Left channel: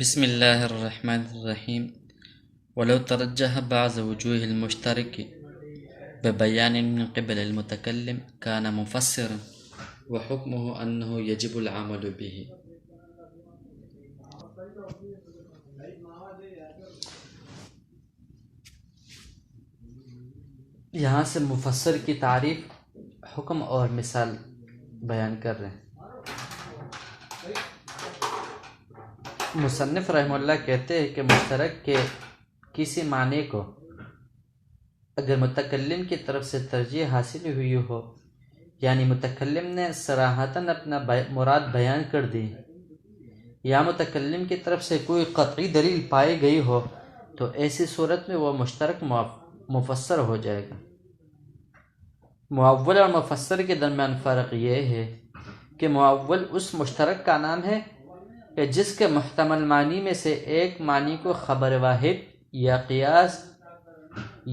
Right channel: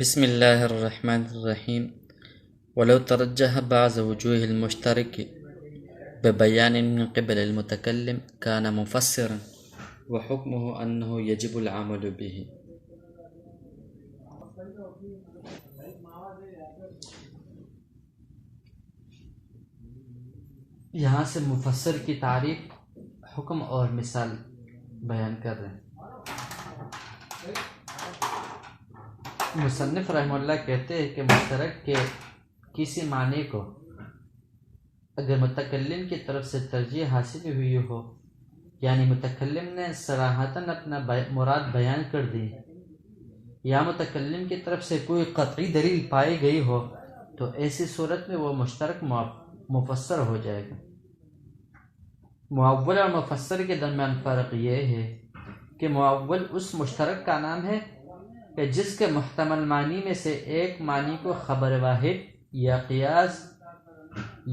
بسم الله الرحمن الرحيم. ولو ترجح بعض وجوه المشترك ببيان من قبل المتكلم كان مفسرا وحكمه أنه يجب العمل به. یہاں سے مفسر کی تعریف، حکم اور مثال بیان کر رہے ہیں۔ مصنف رحمہ اللہ کہتے ہیں کہ مشترک کے کسی معنی کو اگر متکلم کی طرف سے ترجیح حاصل ہوئی ہو، یعنی متکلم نے صراحتاً اپنا مراد بیان کر دی، یا متکلم کی طرف سے کوئی قطعی دلیل پائی گئی ہو، تو ایسی صورت میں وہ مشترک مفسر ہو جائے گا۔ معول اور مفسر کے درمیان فرق یہ ہے کہ معول اس مشترک کا نام ہے کہ جس کے محتمل معنی میں سے ایک معنی کو خبر واحد یا قیاس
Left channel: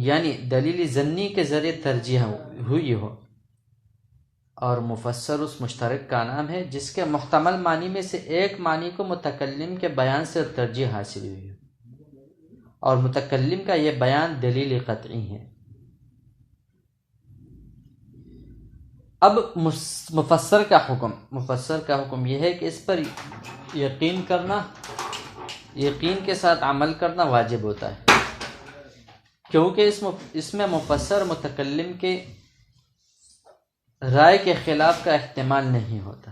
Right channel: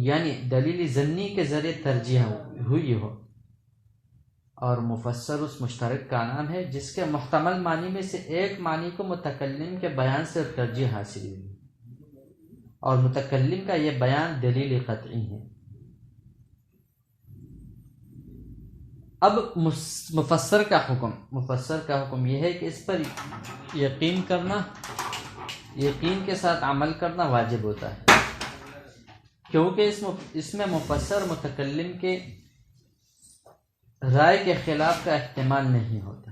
یعنی دلیل ظنی کے ذریعے ترجیح ہوئی ہو، اور مفسر اس مشترک کا نام ہے جس کے محتمل معنی میں سے ایک معنی کو متکلم کے بیان سے ترجیح حاصل ہوئی ہو، اور متکلم کا یہ بیان دلیل قطعی ہے۔ اب مفسر کا حکم یہ ہے کہ اس پر یقین کے ساتھ عمل کرنا واجب ہوتا ہے، کیونکہ اس میں مفسر متکلم کے رائے کے خلاف کا احتمال نہیں ہوتا۔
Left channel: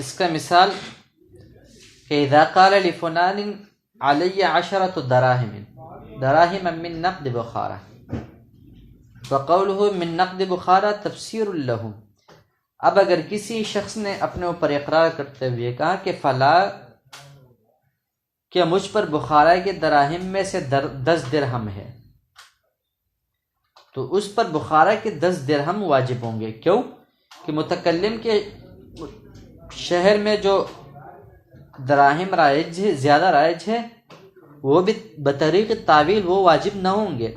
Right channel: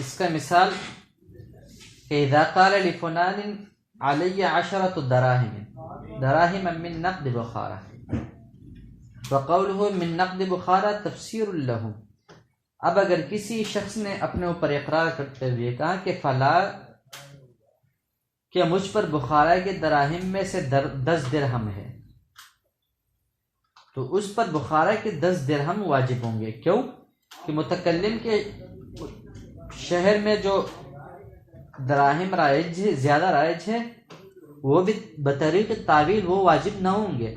اس کا مثال کہ اذا قال لفلان علی 10 دراہم من نقد بخارا فقوله من نقد بخارا تفسیر لہ۔ اب اگر کسی شخص نے اپنے اوپر اقرار کرتے ہوئے کہا کہ فلاں کہ مجھ پر بخارا کے دراہم میں سے 10 درہم ہے، تو اس پر بخارا کے 10 درہم واجب ہوں گے۔ کیوں؟ کہ متکلم کے شہر میں جو دراہم زیادہ رائج ہے، وہ بھی بطریق تعویل وہ واجب نہ ہوں گے،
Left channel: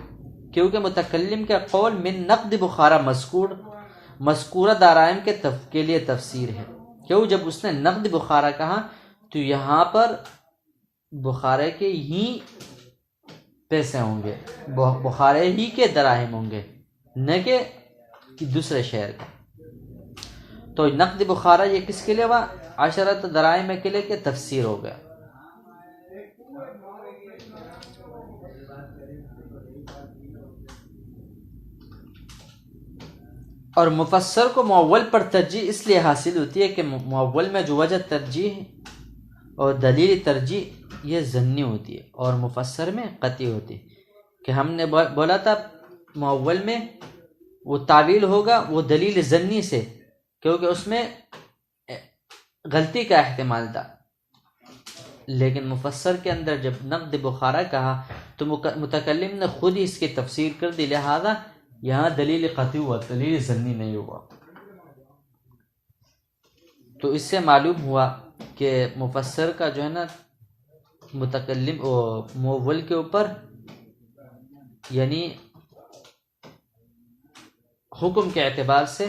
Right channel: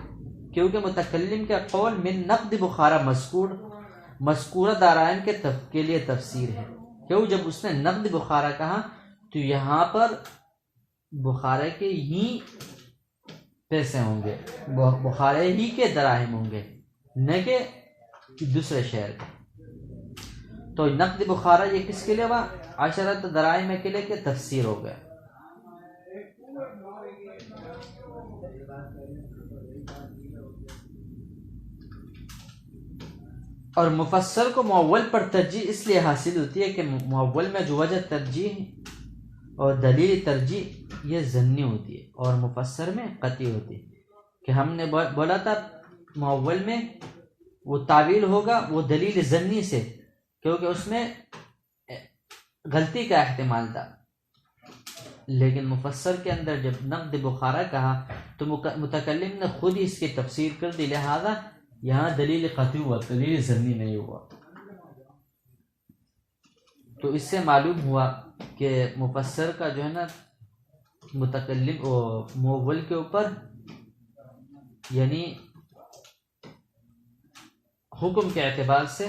کیونکہ متکلم کا قول من نقد بخارا مذکورہ دراہم کے لیے تفسیر ہے۔ کیوں؟ جب اس نے نقد بخارا کہا تو یہاں پر بخارے کے ہی پیسے ہوں گے، بخارے ہی کے دراہم ہوں گے، نہ کہ دوسرے شہر کے۔ تو نقد بخارا یہ کس کے لیے ہوا؟ 10 دراہم کے لیے کہ تفسیر ہو گیا۔ اور مفسر کو معول پر ترجیح اس لیے حاصل ہوتی ہے کہ معول میں جو وجہ ترجیح اور دلیل ترجیح یہ ظنی ہوتی ہے، اور مفسر میں قطعی ہوتی ہے۔ کہ ہم نے بولا تھا معول میں وہ تعویل ہوگا وہ دلیل ظنی سے، کیونکہ اس میں غلطی کا احتمال تھا، لیکن مفسر کے اندر جب نقد بخارا کہا تو متکلم نے خود ہی اس کی تفسیر کر دی، لہذا یہاں دلیل قطعی ہوا، دلیل ظنی نہیں ہوا۔ تو اس سے معلوم ہوا کہ مفسر کا جو ہے نا متکلم معول کے اوپر یعنی حکم کے اعتبار سے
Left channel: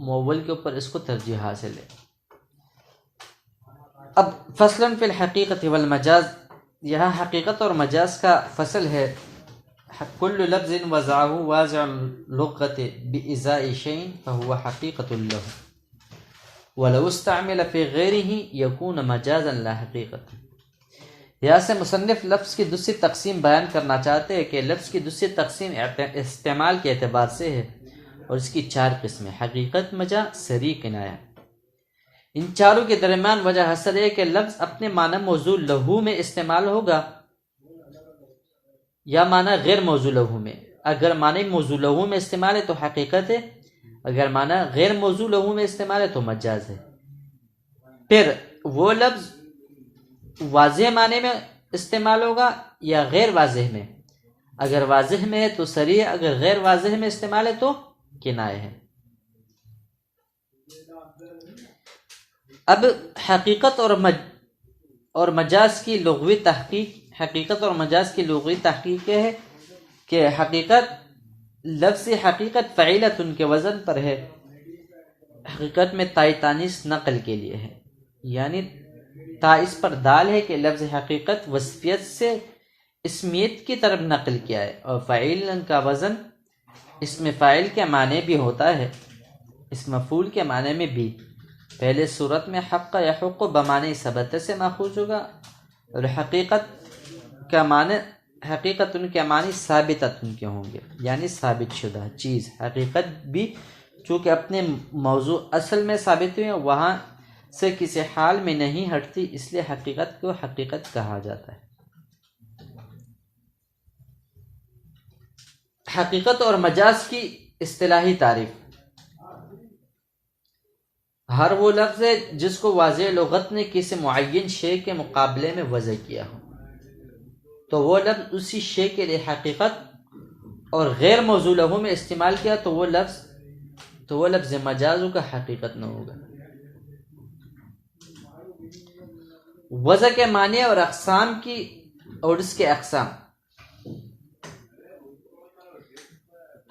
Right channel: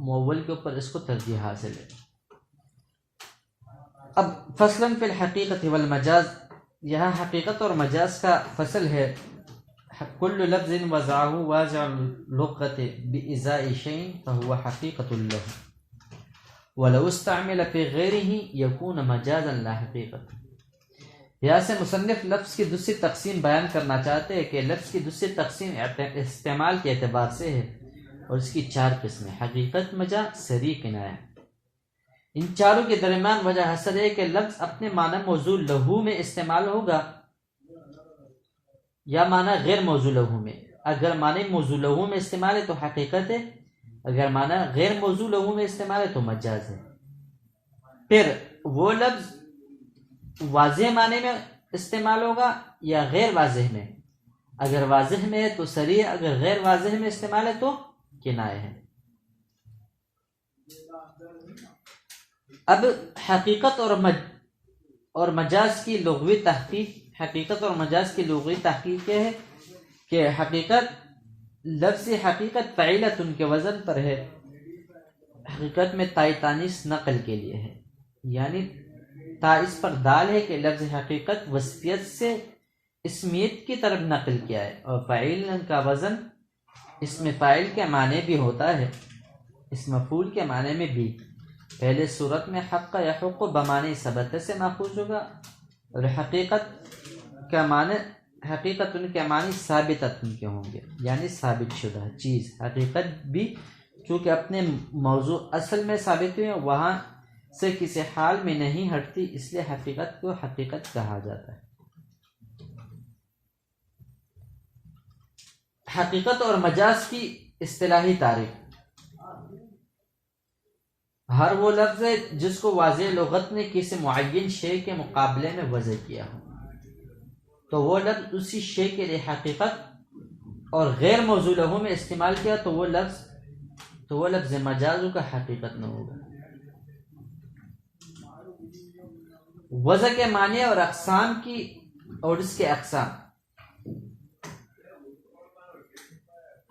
معول کے اوپر اس کو ترجیح حاصل ہے۔ اب فصل فی الحقیقت والمجاز، یہاں حقیقت اور مجاز کا فصل ہے۔ کل لفظ وضعه واضع اللغة بإزاء شيء فهو حقيقة له ولو استعمل في غيره يكون مجازا لا حقيقة۔ یہاں سے مصنف لفظ کی دوسری تقسیم بیان کرنا چاہتے ہیں کہ لفظ کی دوسری تقسیم استعمال کے اعتبار سے ہے، اور اس کی 4 قسمیں: حقیقت، مجاز، صریح، کنایہ۔ ان چاروں کے درمیان وجہ حسر ہے کہ لفظ اپنے معنی موضوع لہو میں استعمال ہوگا یا معنی غیر موضوع لہو میں۔ اگر معنی موضوع لہو میں استعمال ہے تو حقیقت ہے، اگر معنی غیر موضوع لہو میں استعمال ہے تو مجاز ہے۔ پھر وہ لفظ واضح معنی میں استعمال ہوگا یا غیر واضح میں۔ اگر واضح میں ہے تو صریح، اگر غیر واضح میں استعمال ہے تو کنایہ ہے۔ اب حقیقت اور مجاز کی لغوی تحقیق، حقیقت اور مجاز کی لغوی تحقیق یہ ہے کہ حقیقت لفظ حقیقت فعیلت ان کے وزن پر ہے، حقیقت میں تائی تانیث نقل کے لیے ہے، یعنی تا اس پر دال ہے کہ لفظ حقیقت وصفیت سے اسمیت کی طرف نقل کیا ہے، اور فعیل کا وزن اسم فاعل کے معنی بھی ہوتا ہے، اس مفعول کے معنی میں بھی۔ پہلے صورت میں حق یحق بمعنی ثبت سے ماخوذ ہوگا، اور حقیقت ان کے معنی ثابتت ان کے ہوں گے، یعنی ثابت شدہ چیز۔ حقیقت بھی چونکہ اپنے موضوع اصل میں ثابت ہوئی ہے، وہاں سے کسی حال میں نہیں ہٹتی، اس لیے حقیقت کو حقیقت کہا جاتا ہے۔ حقیقت اور مجاز کی اصطلاحی تعریف۔ ہر وہ لفظ ہے جس کو واضح لغت نے کسی معین شے کے مقابلے میں وضع کیا ہو، تو وہ لفظ اسی شے کے لیے حقیقت، اور غیر موضوع لہو میں استعمال کیا تو وہ لفظ مجاز کا حقیقت نہ ہوگا۔ وضع کے معنی اور اقسام کی اور اس کے اقسام۔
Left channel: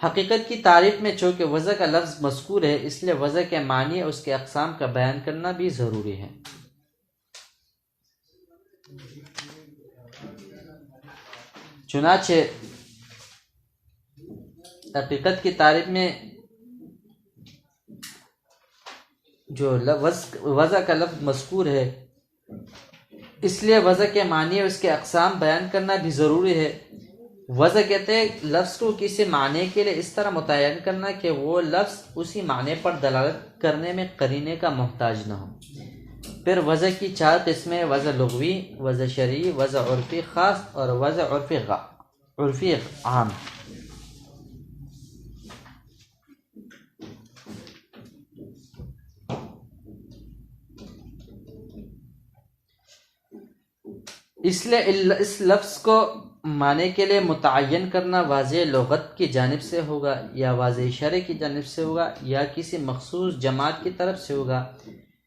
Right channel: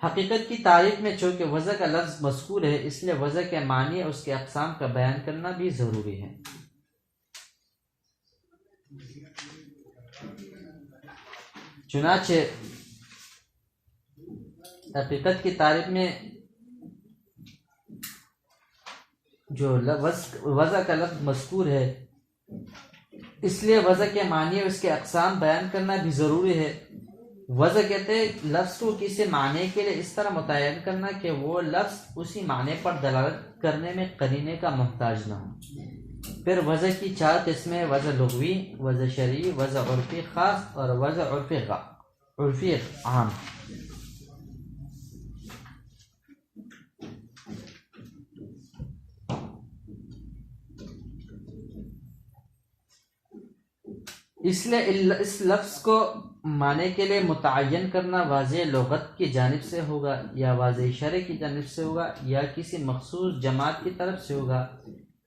حقیقت کی تعریف میں چونکہ وضع کا لفظ مذکور ہے، اس لیے وضع کے معنی اور اس کے اقسام کا بیان کرنا بھی ضروری ہے۔ چنانچہ حقیقت کی تعریف میں جو وضع کا لفظ مذکور ہے، اس لیے وضع کے معنی اور اس کے اقسام بیان کرنا بھی ضروری ہے۔ وضع کہتے ہیں لفظ کو کسی معنی کے لیے اس طرح متعین کرنا کہ وہ لفظ اسی معنی پر دلالت کرنے میں قرینے کا محتاج نہ ہو۔ پھر وضع کی 4 قسمیں: وضع لغوی، وضع شرعی، وضع عرفی خاص اور وضع عرفی عام۔ اس لیے اس لفظ کو معنی کے لیے متعین کرنا واضح لغت کی جانب سے ہوگا، یا واضح شرع کی جانب سے ہوگا، یا کسی مخصوص جماعت کی طرف سے ہوگا،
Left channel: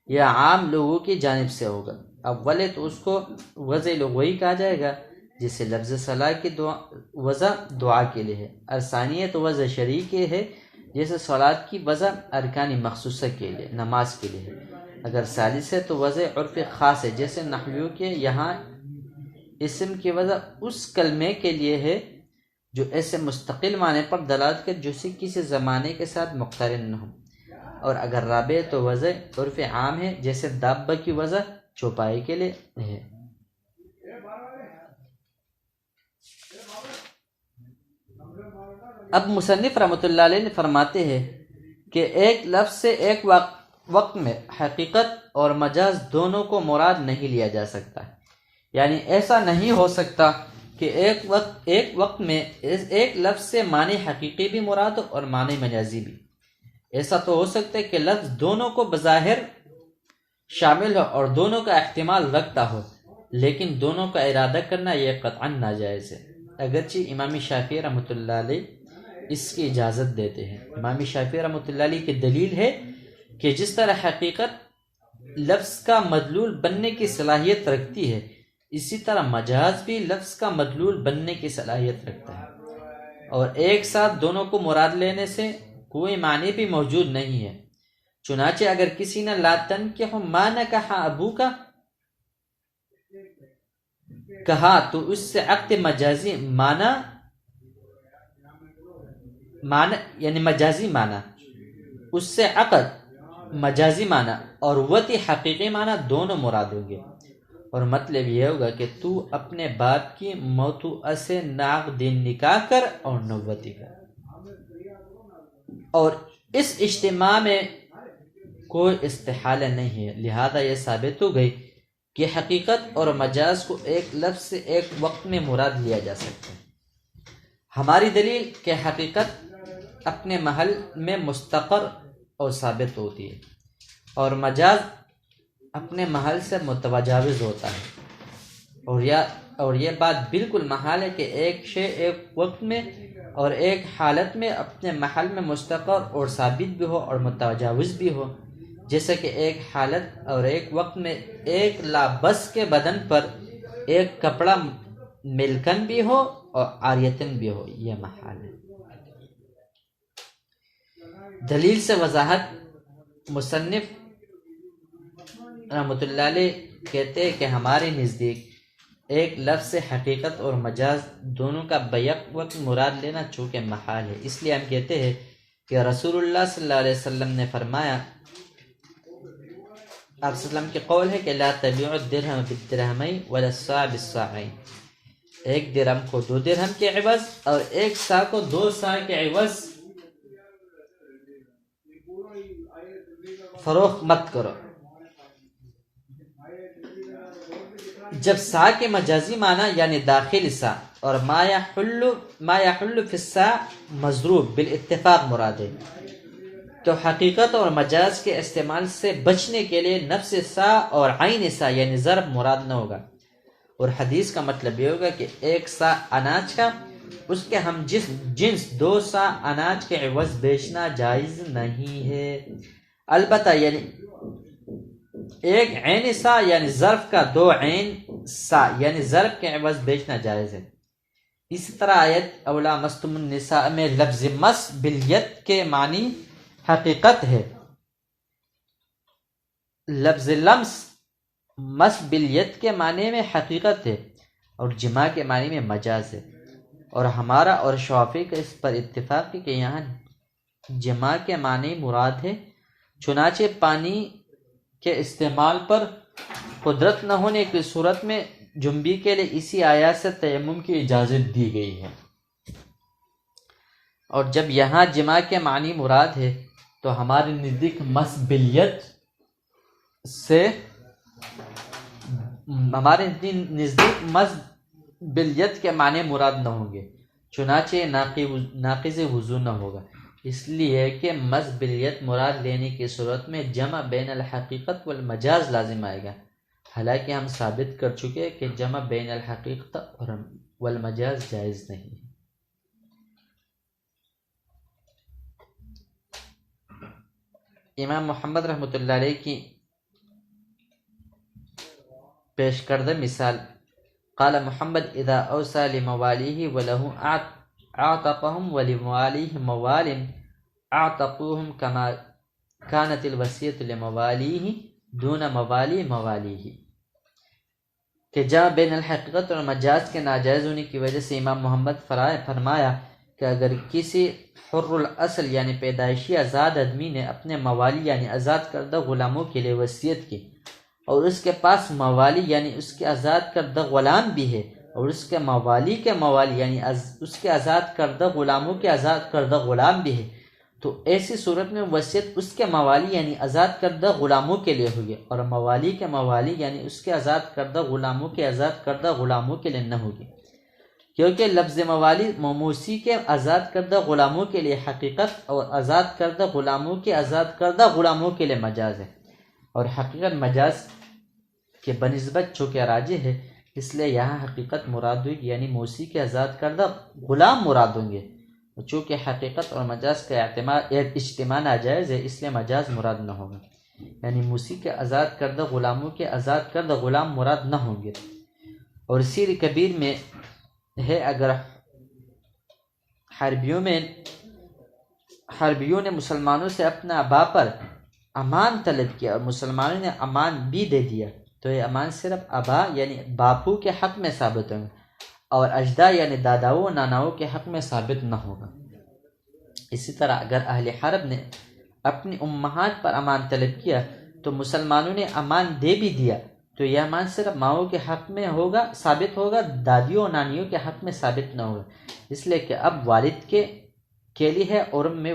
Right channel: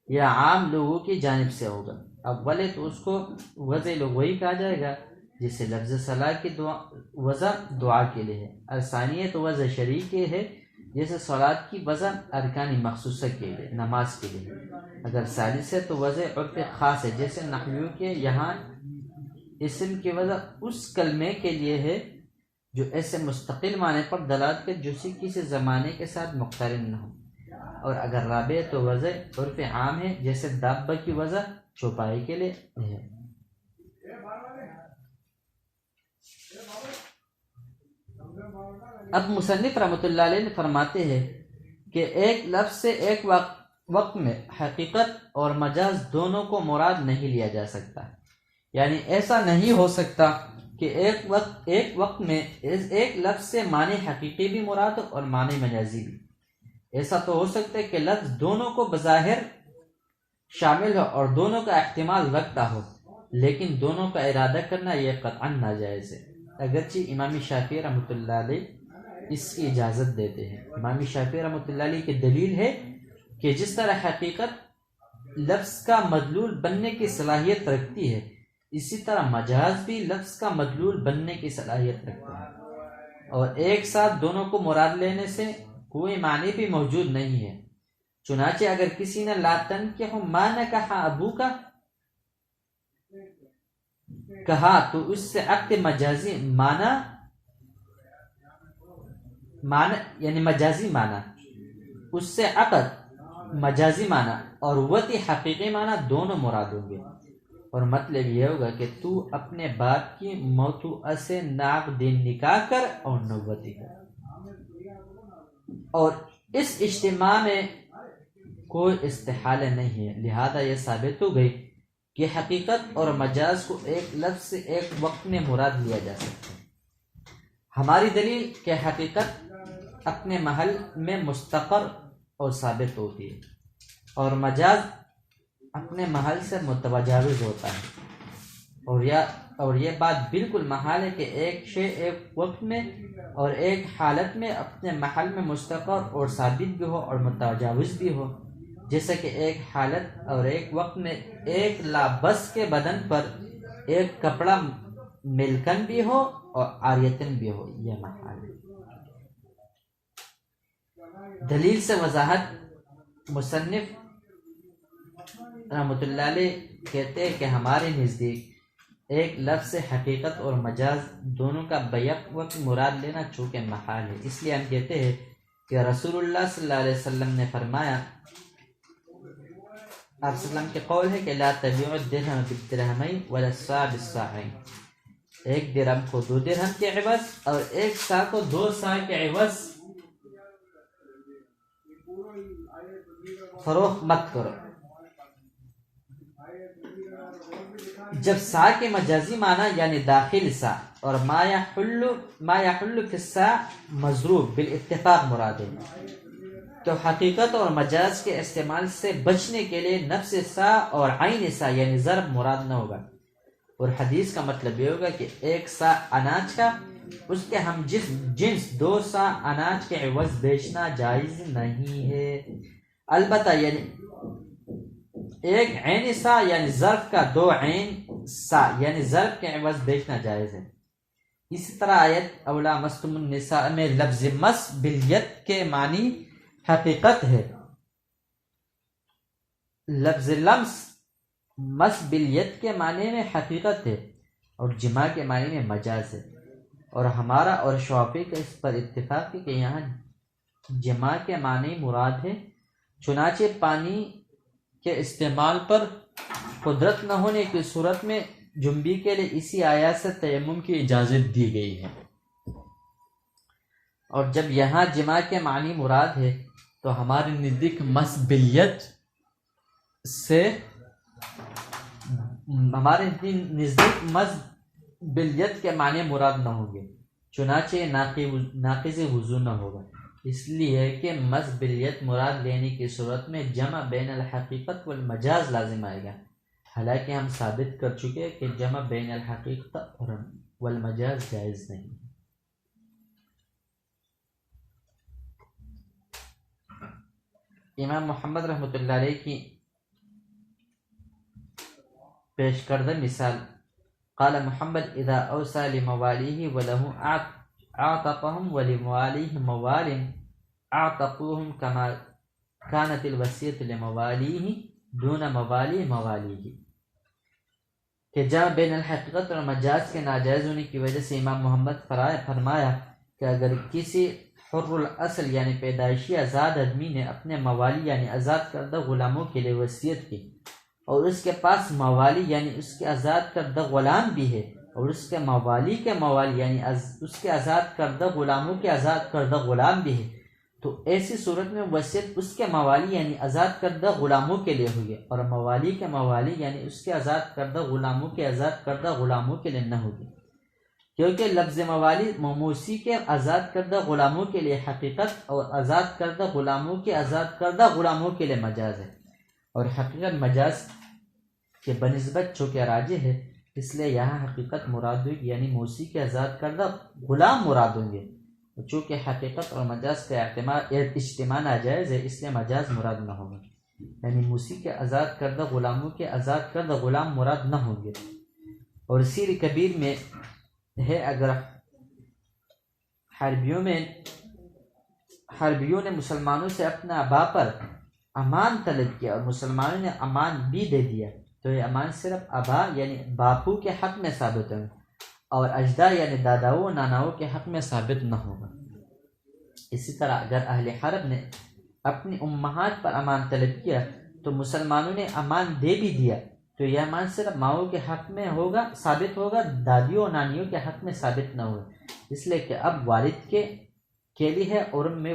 یا عام لوگوں کی جانب سے ہوگا۔ اولے تو اس کو وضع لغوی کہا جائے گا، جسے لفظ صلاح کی وضع دعا کے لیے ہے، اور ثانیہ تو وضع شرعی کے ہے، جیسے صلاۃ کی وضع ارکان مخصوصہ کے لیے، نماز کے لیے ہے۔ اگر ثالث ہے تو وضع عرف خاص ہے، جیسے نحویوں کے یہاں اسم کی وضع اس کلمے کے لیے ہے جو ایسے مستقل معنی پر دلالت کر جو کسی زمانے کے ساتھ مقترن نہ ہو، اور اگر رابع تو وضع عرف عام ہے، جیسے دابہ کی وضع چوپائی کے لیے ہے۔ اب مصنف رحمۃ اللہ علیہ فرماتے ہیں کہ ایک لفظ سے ایک وقت میں حقیقت اور مجاز دونوں کو مراد نہیں لیا جا سکتا، یعنی ایسا نہیں ہو سکتا کہ ایک وقت میں ایک لفظ سے معنی حقیقی بھی مراد ہو اور معنی مجازی بھی۔ ایسا تو ہو سکتا ہے کہ لفظ دونوں کو بظاہر شامل ہو اور دونوں کا احتمال رکھتا ہو، لیکن دونوں کا ارادہ کرنا یہ قطعاً ناجائز ہے، اگرچہ امام شافعی رحمۃ اللہ علیہ اس کی اجازت دیتے ہیں۔ امام شافعی رحمۃ اللہ علیہ کی دلیل ہے کہ جس طرح حقیقت لفظ کا مدلول بننے کی صلاحیت رکھتی ہے، اسی طرح مجاز بھی لفظ کا مدلول بننے کی صلاحیت رکھتا ہے، اور ایک ساتھ دونوں کو مراد لینے سے کوئی معنی بھی موجود نہیں ہے۔ چنانچہ اگر کسی نے لا تنکح ما نکح ابوک کہا تو اس سے عقد مجازی معنی یعنی مجازی معنی، اس سے عقد مجازی معنی اور وطی حقیقی معنی دونوں مراد ہوں گے، اور مطلب یہ ہوگا کہ تو اپنے باپ کی موتوعہ سے ناقد نکاح کر اور نوتی کر، اور اس اجتماع میں کوئی استحالہ نہیں ہے۔ لہذا یہ ثابت ہو گئی کہ حقیقت اور مجاز کو ایک لفظ سے ایک وقت میں مراد لیا جا سکتا ہے۔ ہماری دلیل کہ حقیقت اپنے محل میں مستقر اور ثابت ہوتی ہے، اور مجاز اپنے محل سے متجاوز ہوتا ہے، اور یہ بات بالکل محال ہے کہ ایک شے ایک وقت میں اور ایک حالت میں اپنے محل میں مستقر اور ثابت بھی ہو اور متجاوز بھی ہو، جیسے کہ ایک حالت اور ایک وقت میں ایک لابس کے بدن پر ایک کپڑا ملکن بھی ہو اور عاریتن بھی ہو، یہ محال ہے۔ دلیل سے وضاحت۔ مصنف رحمۃ اللہ علیہ کہتے ہیں کہ ہمارے نزدیک ایک لفظ سے حقیقت اور مجاز دونوں کا بیک وقت مراد لینا چونکہ محال ہے، اس لیے ہم کہتے ہیں کہ رسول اللہ صلی اللہ علیہ وسلم نے فرمایا، آپ صلی اللہ علیہ وسلم کے قول ہے کہ لا تبیع الدرہم بالدرہمین ولا الصاع بالصاعین، ایک درہم کو 2 درہم کے عوض اور ایک صاع کو 2 صاع کے عوض فروخت مت کرو۔ جب صاع کے مجازی معنی یعنی داخل صاع اور ما یحل فی الصاع مضروب بالاتفاق مراد ہے، تو حقیقت اور مجاز کے استعمال سے بچنے کے لیے نفس صاع اور عین صاع یعنی ضرب مراد نہ ہوگا، اور حدیث کا مطلب یہ ہوگا کہ 1 صاع اناج کا اس کے ہم جنس 2 صاع اناج کے عوض بیچنا جائز نہیں ہے، البتہ یعنی 1 عین صاع یعنی ظرف کا 2 عین صاع یعنی ضرب کے عوض بیچنا جائز ہے۔ اسی طرح آیت اولا مستم النساء میں لفظ مس بالید کے معنی حقیقت ہے، لفظ لمس مس بالید کے معنی میں حقیقت ہے اور جماع کے معنی میں مجاز ہے، اور ہمارا اور شافعی کا اس پر اتفاق ہے کہ یہاں جماع کے معنی مراد ہے، چنانچہ پانی کے استعمال پر قدرت نہ ہونے کی صورت میں جنبی کے لیے اسی آیات سے تیمم کی اجازت دی گئی ہے، اور جب یہاں جماع کے معنی مراد ہے تو ہمارے نزدیک مس بالید سے ہمارے نزدیک مس بالید کے معنی مراد نہ ہوں گے، چنانچہ ناقض وضو نہ ہوگا، اس لیے کہ مس بالید مراد لینے کی صورت میں جمع بین الحقیقت والمجاز لازم آئے گا، حالانکہ ہم ثابت کر چکے کہ جمع بین الحقیقت اور والمجاز جائز نہیں ہے۔ امام محمد رحمۃ اللہ علیہ کی پیش کردہ مثال، قال محمد اذا اوصى لموالیہ وله اعتقهم ولموالیہ موال اعتقوهم كما كانت الوصیۃ لموالیہ دون موالی موالیہ، کہ جہاں بین الحقیقت اور مجاز کے ناجائز ہونے کی وجہ سے امام محمد فرمایا کہ اگر کسی حر الاصل یعنی پیدائشی آزاد آدمی نے اپنے موالی یعنی آزاد کردہ غلاموں کے لیے وصیت کی، اور اس کے پاس موالی یعنی اس کے آزاد کردہ غلام بھی ہے، اور اس کے موالی کے موالی یعنی اس کے آزاد کردہ غلاموں کے آزاد کردہ غلام بھی ہے، تو ایسی صورت میں وصیت اس کے موالی یعنی آزاد کردہ غلاموں کے لیے ہوگی، اور موالی کے موالی یعنی اس کے آزاد کردہ غلاموں کے آزاد کردہ غلاموں کے لیے نہ ہوگی، کیونکہ لفظ موالی موصی کے آزاد کردہ غلاموں کے لیے حقیقت اور آزاد کردہ غلاموں کے آزاد کردہ غلاموں کے لیے مجاز ہے، اور حقیقت مجاز کے بنسبت چونکہ راجح ہے، اس لیے یہاں حقیقت مراد ہوگی یعنی موصی کے آزاد کردہ غلام مراد ہوں گے، چونکہ حقیقت اور مجاز کا اجتماع ناجائز ہے، اس لیے مجاز مراد نہ ہوگا، یعنی موصی کے آزاد کردہ غلاموں کے آزاد کردہ غلام مراد نہ ہوں گے۔ اور سیر کبیر میں ہے اگر حربیوں نے مسلمانوں سے اپنا ابا پر امان طلب کیا اور مسلمانوں نے امان بھی دے دیا تو یہ امان صرف ابا یعنی باپو کے حق میں ثابت ہوگا اور اجداد یعنی داداؤں ناناؤں کے حق میں ثابت نہ ہوگا۔ اسی طرح اگر اہل حرب نے اپنی امہات پر امان طلب کیا تو مسلمانوں نے امان دے بھی دیا تو یہ امان صرف ماؤں کے حق میں ہوگا ثابت ہوگا، دادیوں اور نانیوں کے حق میں ثابت نہ ہوگا، اس لیے کہ اب والد کے لیے ہے اور میں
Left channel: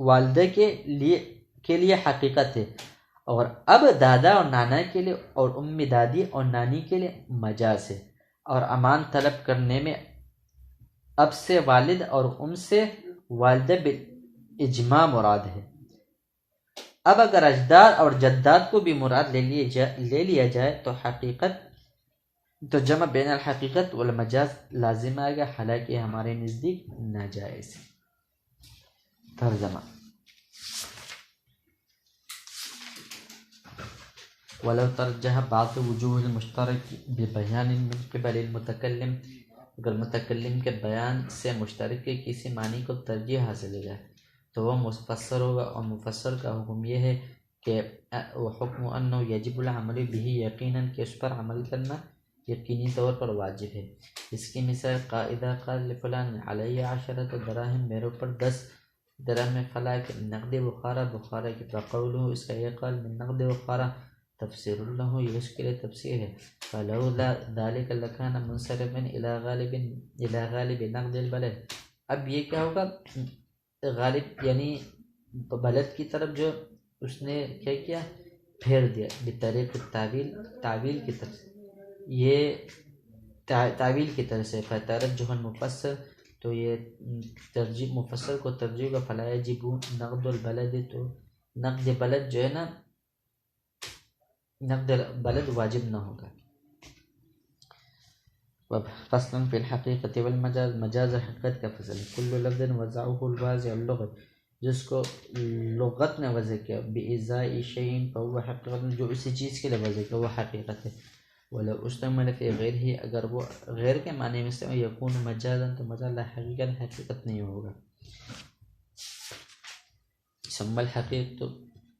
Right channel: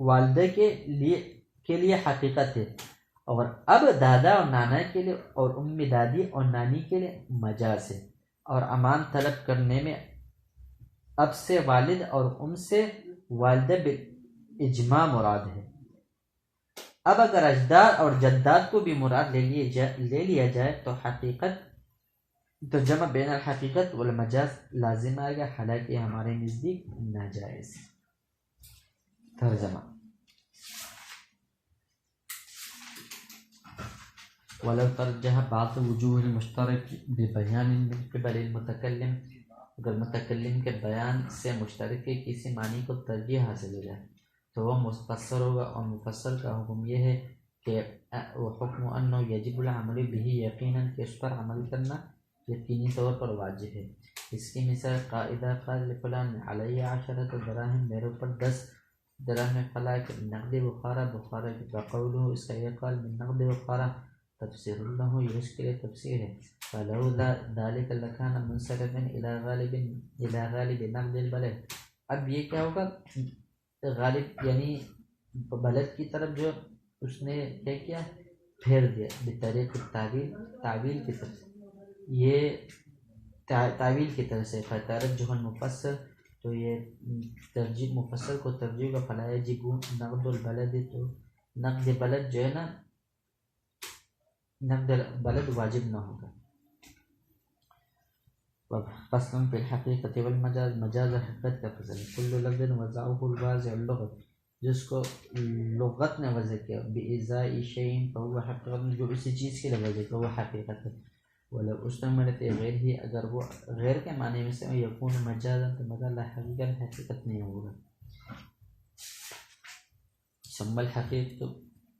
والدہ کے لیے حقیقت ہے، اور اب دادا اور نانا کے لیے اور امی دادی اور نانی کے لیے مجاز ہے، اور امان طلب کرنے میں اب سے والد اور ام سے والدہ بالاجماع مراد ہے۔ اب اگر اجداد اور جداد کو بھی مراد لے لیا جائے تو حقیقت تو جمع بین الحقیقت والمجاز لازم آئے گا، حالانکہ ہمارے نزدیک ناجائز ہے۔ ترجمہ: ولو ترجح بعض وجوہ المشترک ببیان من قبل المتکلم، اگر متکلم کے بیان سے مشترک کے کسی معنی کو ترجیح حاصل ہو جائے تو وہ مفسر ہوگا، اور مفسر کا حکم یہ ہے کہ وحکم انه یجب العمل به یقیناً کہ اس پر عمل کرنا یقینی طور پر واجب ہے. اس کی مثال قاعدہ قال لفلان علی 10 دراہم، میرے اوپر 10 درہم فلا کہ نقد بخارا کی بقولہ اس کا یہ قال من نقد بخارا تفسیر له، یہ اس کے لیے تفسیر ہے. فلولا ذلك لکان منصرفا الى غالب نقد البلد. اب یہ کیا ہوگا، غالب یعنی بلد کی طرف جو اس نے کیا کیا، پھیر دیا بطریق تعویل کی طرف سے، یہ تعویل کی طرف سے. فترجح المفسر، تو یہ ترجیح مفسر کو ترجیح کا فلا یجب نقد البلد، تو نقد بلد جو ہے نا، نقد بلد واجب نہ ہوگا. فصل فی الحقیقت والمجاز، مجاز حقیقت کا فصل. کل لفظ وضعه الواضع اللغت، جس کو لغت نے وضع کیا، بإزاء شیء فهو حقیقت، جو اسی چیز کے لیے وضع کیا وہ حقیقت ہے. ولو استعمل فی غیرہ، اگر وہ غیر کے معنی میں استعمال یکون مجازا، تو مجاز لا حقیقت نہیں ہوگا. ثم الحقیقت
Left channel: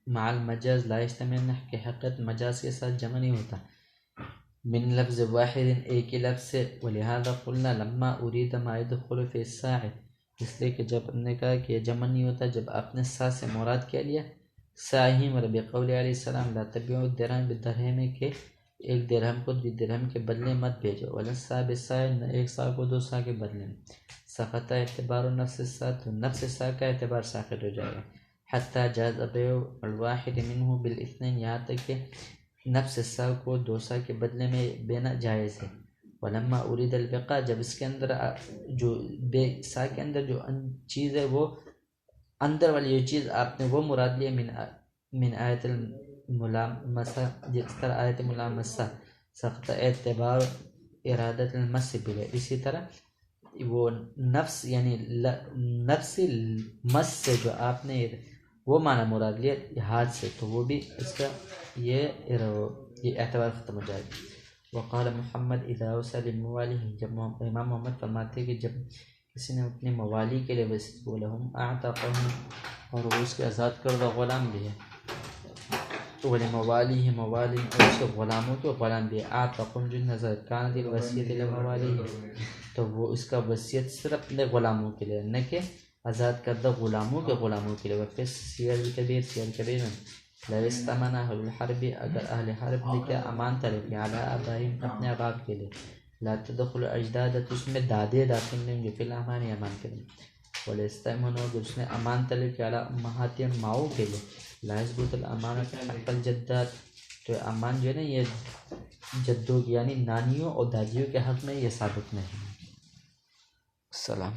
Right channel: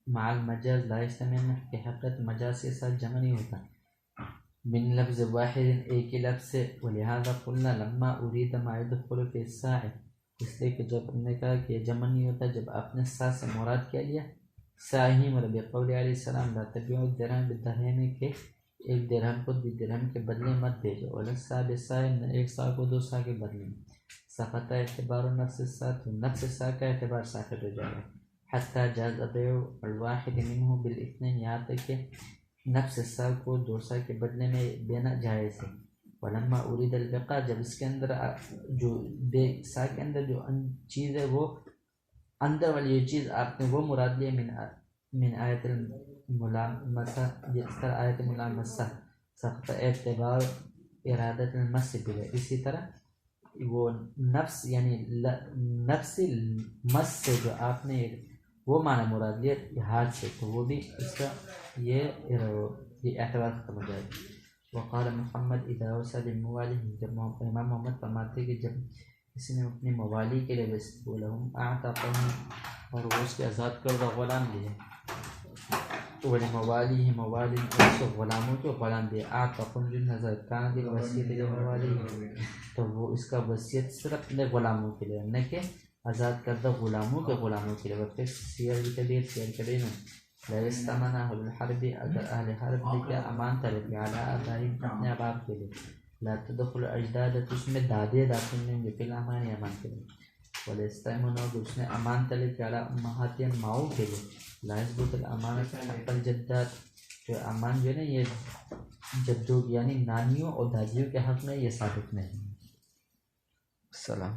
مع المجاز لا يستعمل، کہ حقیقت مجاز کے ساتھ جمع نہیں ہوتا، من لفظ واحد ایک ہی لفظ سے. ولہذا قلنا لما اريد ما يدخل في الساع، اس لیے کہ جب ہم نے کہا کہ یہ جمع نہیں ہوتا جب آپ نے سا سے مراد کیا لیا ساہی مربی قول علیہ السلام لا تبیعوا الدرہم بالدرہم، کہ ایک درہم کو 2 درہم کے بدلے مت بھیجو. ولا السا بالسا، ایک سا کو 2 سا کے بدلے میں. سقط اعتبار نفس السا، تو نفس سا کا اعتبار ساقط ہو جائے گا. حتی جاز بیع الواحد منہ بالاثنین، یہاں تک کہ نفس سا کو 2 سا کے بدلے میں بینا جائز ہے. ولما اريد البقاء، جب اس کے اندر جو بے سا کے اندر جو چیز ہے وہ اندر والی یہ چیز آپ نے وہ مراد لیا من آیت الملامسہ، جس طرح آیت ملامسہ سقط اعتبار ارادت المس بھی. اسی طرح وہ نفس یعنی نفس مس سے جو آپ نے وہ معنی مراد لیا ہاتھ سے، تو وہ بھی اس کا یہ اعتبار ختم ہو جائے گا. وقال محمد اذا وصل الموالی، جب امام محمد فرماتے کہ جب کسی نے اپنے موالی کے لیے وصیت بولا ہم اعتقهم، اور وہ اس کے آزاد کردہ غلام بھی ہے. ولموالی ہی موالی، اس کے غلاموں کے غلام بھی ہے. اعتقهم جو نظر کان دی وصیت لموالی، تو وہ اس کا وصیت صرف اپنے غلاموں کے لیے، نہ کہ آزاد کردہ غلاموں کے غلاموں کے لیے. وفی سیر کبیر، سیر کبیر میں لا استمنہ الحرب، اگر اہل حرب نے کیا امان طلب کیا علی آبائہم اپنے آباب کے لیے، لا تدخل اجداد، تو اس میں دادے داخل نہیں ہوں گے فی الامان امان کے لیے. ولا استمنہ، اگر اس نے امان طلب کیا علی امہاتہم ماؤں کے لیے، لا یثبت الامانۃ حق الجدات، تو امان جو ہے نا یہ جدوں یعنی نانیوں اور دادیوں کے حق میں یہ ثابت نہیں. السلام.